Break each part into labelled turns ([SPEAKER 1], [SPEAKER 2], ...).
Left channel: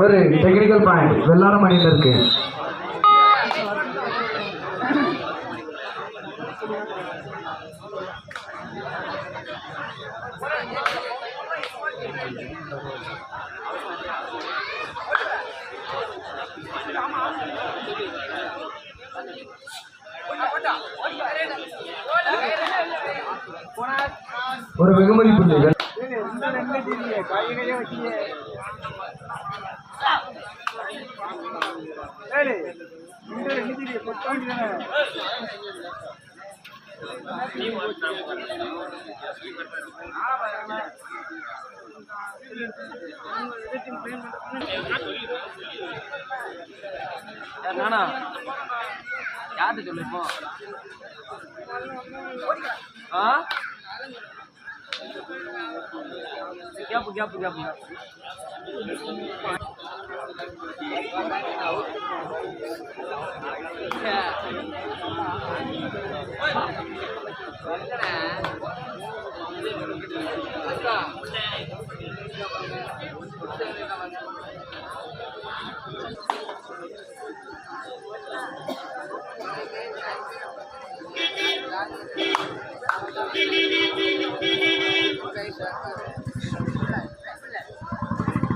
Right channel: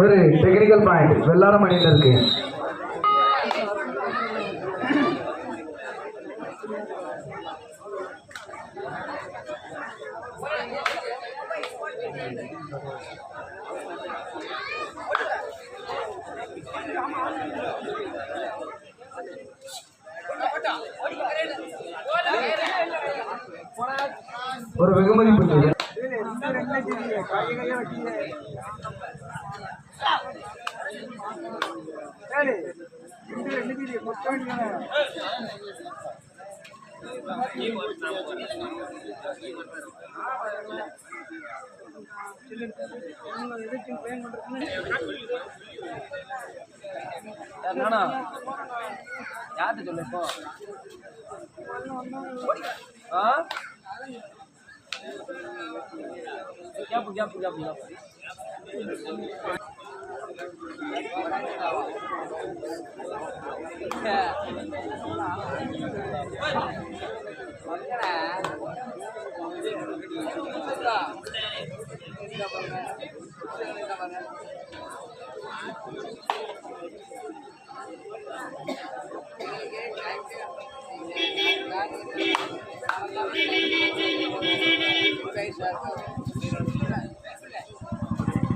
[SPEAKER 1] ஒரு technical point Vellaram அணியில் இருக்கு. ஒரு வெகுமதி புள்ளிகள்
[SPEAKER 2] யார்கிட்ட சொல்லு இப்போ? ஆ கேப்பு கேப்பு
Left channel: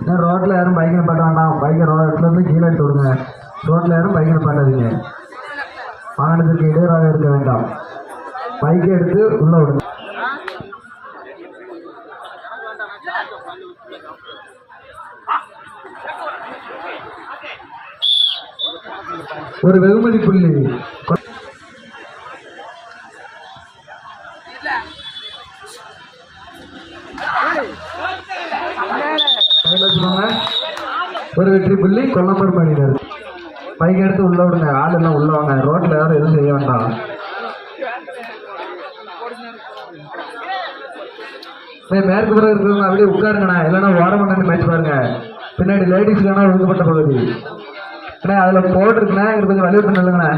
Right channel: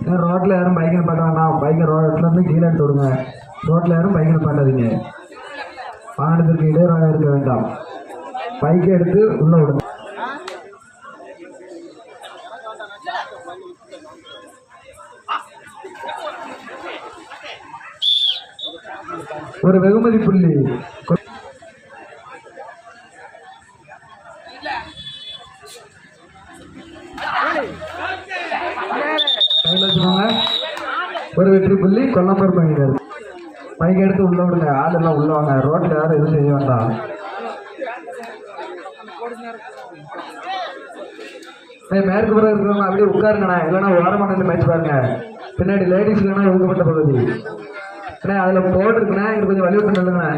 [SPEAKER 2] ஏன்
[SPEAKER 1] ரோட்டில் யாரும் பைக்கை பண்ண வேண்டாம். பைக்கை ரோட்ல இருந்து கீழே எடுத்து விடுங்க. ரோட்டில் யாரும் பைக்கை பண்ணாதீங்க. வாகனத்திற்கு இடையூறாக இருக்க வேண்டாம். பைக்கை எடுத்து உள்ளே விடுங்க. ஒரு வெகுமதி புள்ளி. கொல்லம்பூர் பண்ணிடுறது பைக் எடுத்து உள்ள விடுங்க. ஆள் எல்லாம் உள்ள வாங்க. ரோட்ல யாரும் எதுவும் செய்ய வேண்டாம். மேற்கு புறம் இருக்கிறவங்க அப்படியே உட்காருங்கண்ணா. இல்லைன்னா ஓரமாக நின்று மேட்ச் பாருங்க. பின்னாடி லேடிஸ் வேணா ஒழுங்கப்பட்ட பகுதி. அண்ணா அதில் போட்டிருக்குண்ணே இது கொஞ்சம் வலிவு பண்ணுங்கண்ணே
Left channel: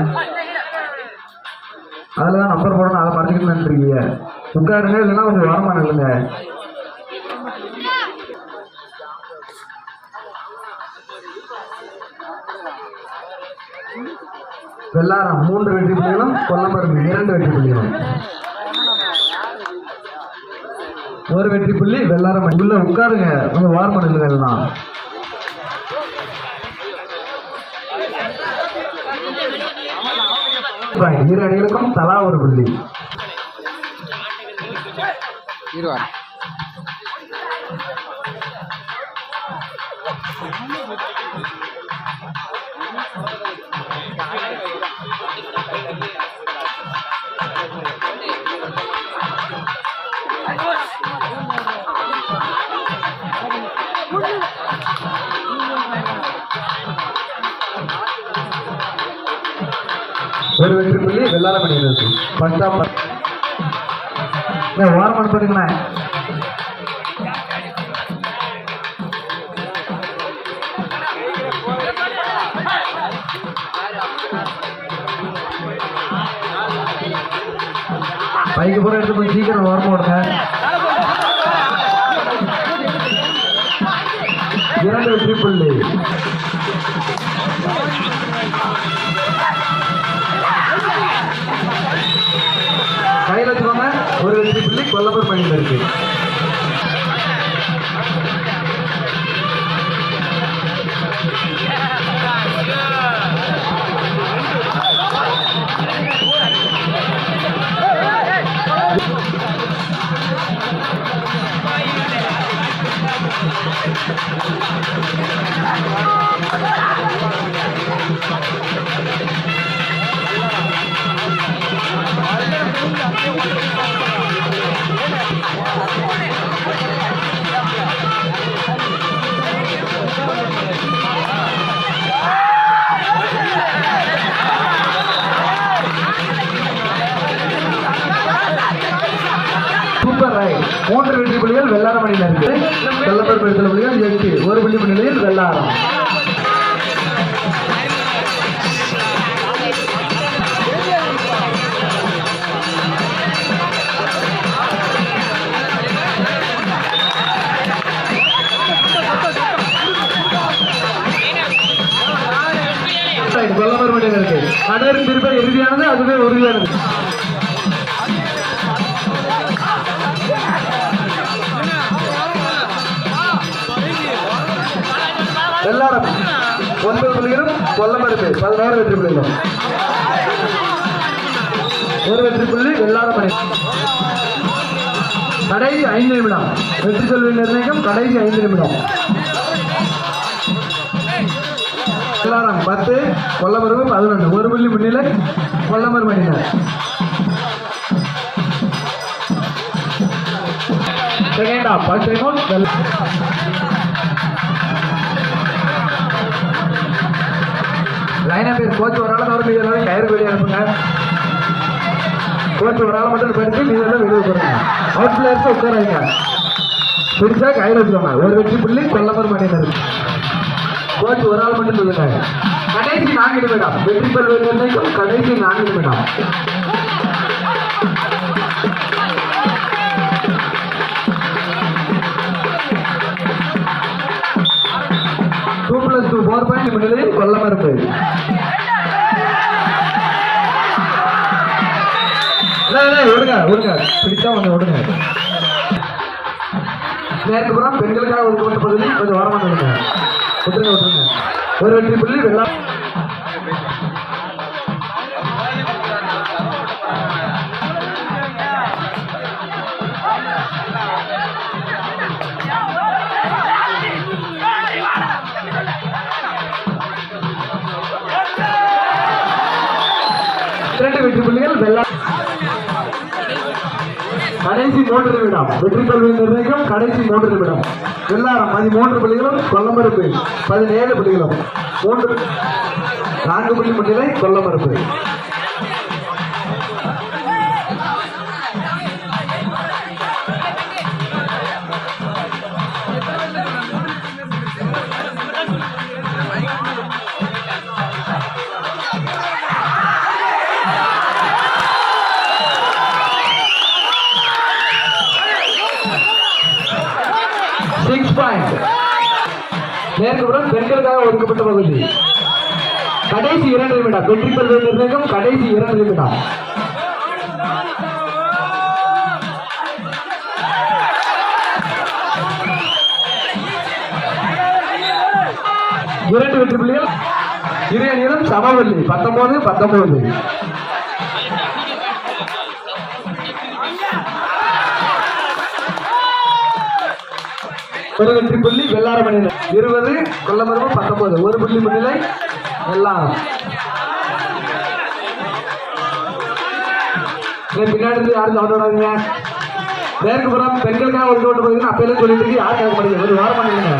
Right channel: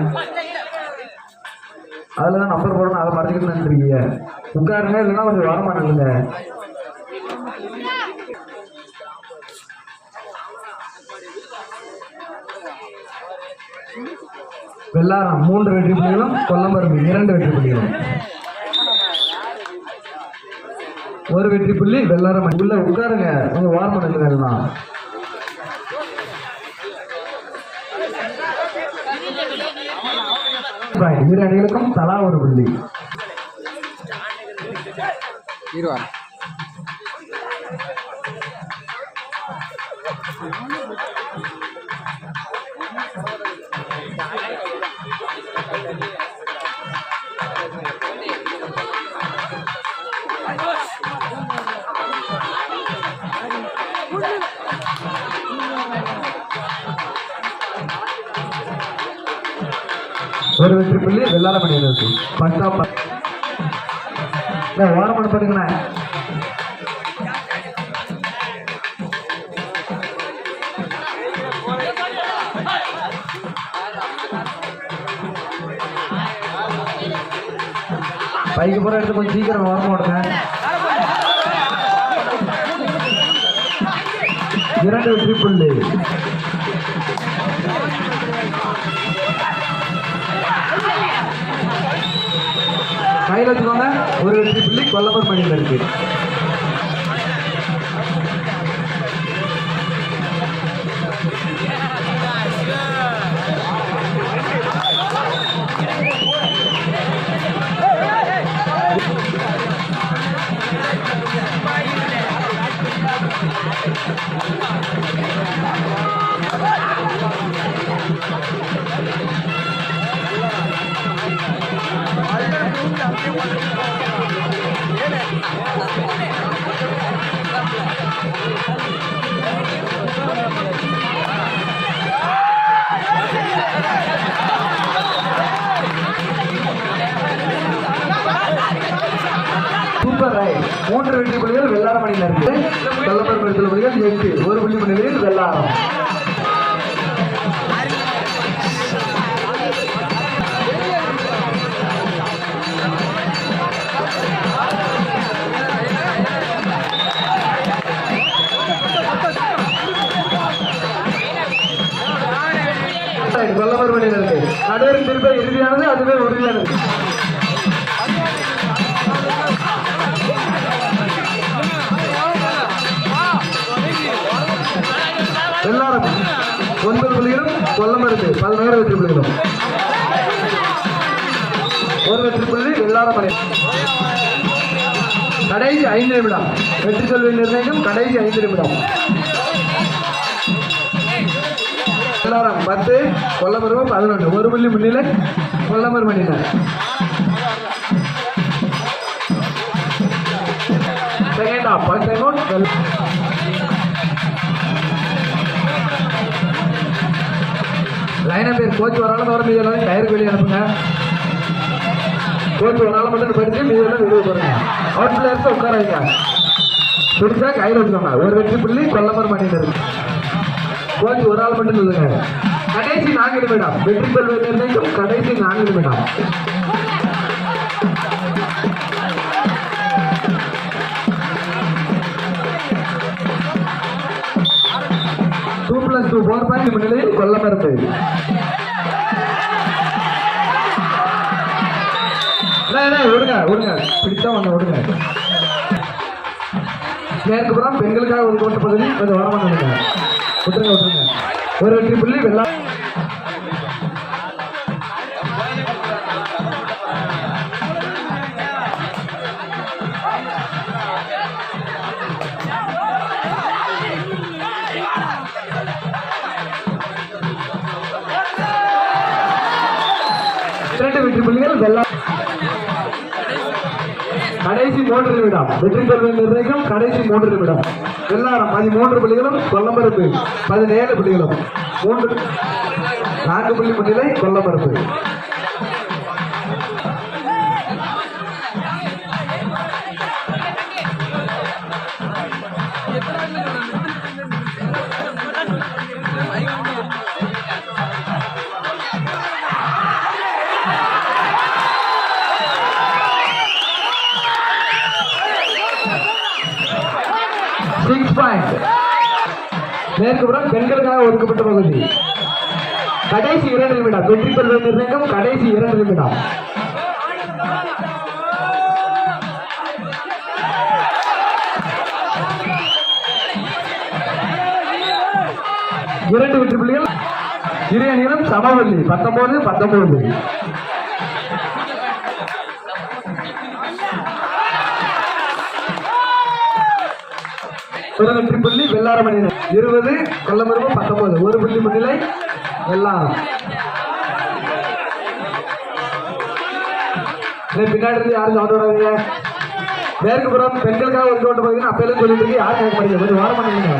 [SPEAKER 1] அதில் தான் நம்பர் போடணும். அதை பார்த்துக்கிட்டு நின்றுருக்கீங்க. உட்காருங்க. இல்லைன்னா கொஞ்சம் ஓரமாக நில்லுங்க. வெள்ளாரம் மூன்று வெற்றி புள்ளிகளும் கொல்லம்பரும்பு இரண்டு வெற்றி புள்ளிகளும். ஒரு வெற்றி புள்ளி வெள்ளாரம் உள்ள உட்காருங்க. உங்க வாரம் பண்ணுங்க தான் இரு அணிகளுக்கும் தலா ஒரு புள்ளி.
[SPEAKER 2] இருவாரம்
[SPEAKER 1] ஒரு வெற்றி புள்ளி வெள்ளாரம் அணியினருக்கு பஞ்சாப் ஓரம் அனுப்புறீங்களா பைக்கு பூரா எடுத்து கொஞ்சம் சீக்கிரம் ஓரம் ஓடுங்க இரண்டு வெற்றி புள்ளி. வெற்றி புள்ளி கொல்லப்பூர் பணியில் மூன்று வெற்றி புள்ளிகள் வெள்ளாரம் அணியில் இருக்கு. கொல்லப்பூர் பெருத்தல் புள்ளிகள் எட்டு ஒரு புள்ளி முன்னிலையில் வெள்ளாரம். எல்லாரும் ஒன்பது புள்ளிகளும் கொல்லமருக்கு பதினோரு வெற்றி புள்ளிகளும். ஒரு வெற்றி புள்ளி எல்லாரும் மணி கடைசி ஐந்து நிமிடம். வெற்றி செல்வி நிர்ணயம் கடைசி ஐந்து நிமிடம். எல்லாரும் பத்து கொல்லமரும் பதினொன்று. ஒரு புள்ளி முன்னிலை கொல்லமர் மணினர் செகண்ட் ஆஃப் ஃபர்ஸ்ட் செகண்ட் லைனா பேர் கோச் ஒரு ஆள் வர எல்லாரும் கயிறு வெளியே அனுப்புங்க. கோச் ஒரு ஆள் மட்டும் போயிட்டு மீது எல்லாம் வெளியே போடுங்க. அவுட் பிளேயர்ஸ் உட்காராங்க பிடிச்சா கயிறு வச்சுக்கோங்க ஒரு வெற்றி புள்ளி கொல்லமர் மணியினர் கோச் ஒரு ஆள் மட்டும் சொல்லுங்க. கடைசி நான்கு நிமிடம். வெற்றி பெறுவது கடைசி நான்கு நிமிடம். பாயிண்ட் முன்னிலையில் கொல்லமருந்து விடுங்க விடுங்க. பிடிச்சா ஒன்று விடுங்க. நேருக்கு புறம் பெண்களுக்காக ஒதுக்கப்பட்ட பகுதி. கொஞ்சம் ஓரமாக விடுங்க விட்டுருங்க விட்டுருங்க ஒரு வெற்றி புள்ளி வெள்ளா மூன்று நிமிடம் வெற்றி கல்வி நிர்ணயிக்கும் கடைசி மூன்று நிமிடம் எல்லாரும் பதிமூன்று புள்ளிகளும் கொல்லமறுப்பு பதினேழு புள்ளிகளும். மூன்று நான்கு புள்ளி முன்னிலை கொல்லமறுப்பு மேற்குப்புறம் பெண்களுக்காக ஒதுக்கப்பட்ட பகுதி. கடைசி இரண்டு நிமிடம். வெற்றி பெறுவது நிர்ணயம் கடைசி இரண்டு நிமிடம். இரண்டு வெற்றி புள்ளிகள். இரு அணியிலும் சமவெள்ளி. பத்தொன்பது பத்தொன்பது. ஒரு வெற்றி புள்ளி வெள்ளாறு மணிநிலை இருபது கொல்லமரபு பத்தொன்பது. ஒரு புள்ளி முன்னிலை வெள்ளாரம் பின்னாடி இருந்து யாரும் சவுண்ட் விடாதீங்க பெண்களுக்காக ஒரு தோட்டம் போகுதுன்னு அப்பையிலே சொல்லிட்டு இருக்கு. யாரும் கேட்க முடியாது ஒரு வாரம் பண்ணுங்க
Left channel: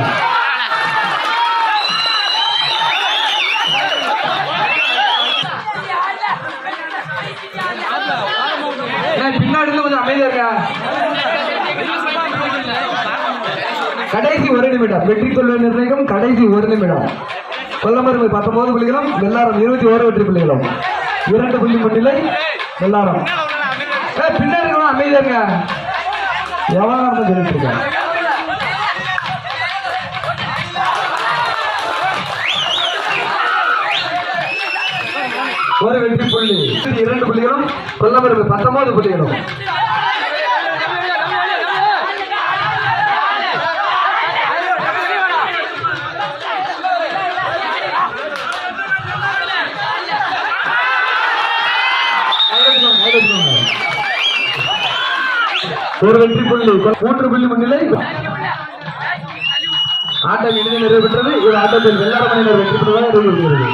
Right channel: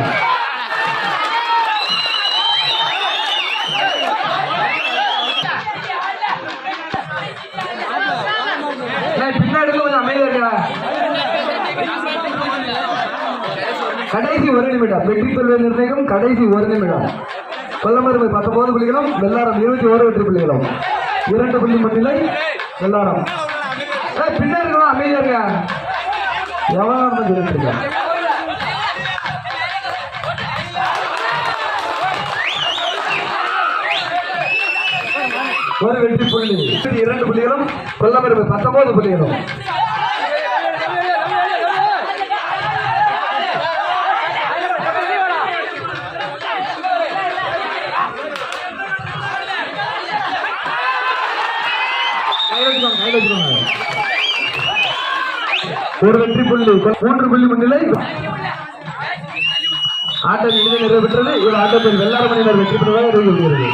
[SPEAKER 1] ஏய், பின்னாடி இருந்து கொஞ்சம் அமைதியா இருக்கா கடைசி ஒரு நிமிடம் வெற்றி கொள்வதை நிர்ணயம் கடைசி ஒரு நிமிடம். கொல்லமருமை பத்தொன்பது புள்ளிகளும் வெள்ளாரம் இருபத்தி ஓரு வெற்றி புள்ளிகளும். இரண்டு புள்ளி முன்னிலை வெள்ளாரம். பின்னாடி இருக்கணும்? அமைதியா இருங்க. எவனா சொல்லிட்டு இருக்கேன் ஒரு வெற்றி புள்ளி இரண்டு புள்ளிகளும் கொல்லமருமை பத்தொன்பது புள்ளிகளும். ஒரு வெற்றி புள்ளி. மூன்று புள்ளி முன்னிலை. ஆட்டம் இறுதி நிறைவு பெற்றது. ஒரு ஆட்டத்தில் வெள்ளாட வெற்றி பெறுவதாக அறிவிக்கிறது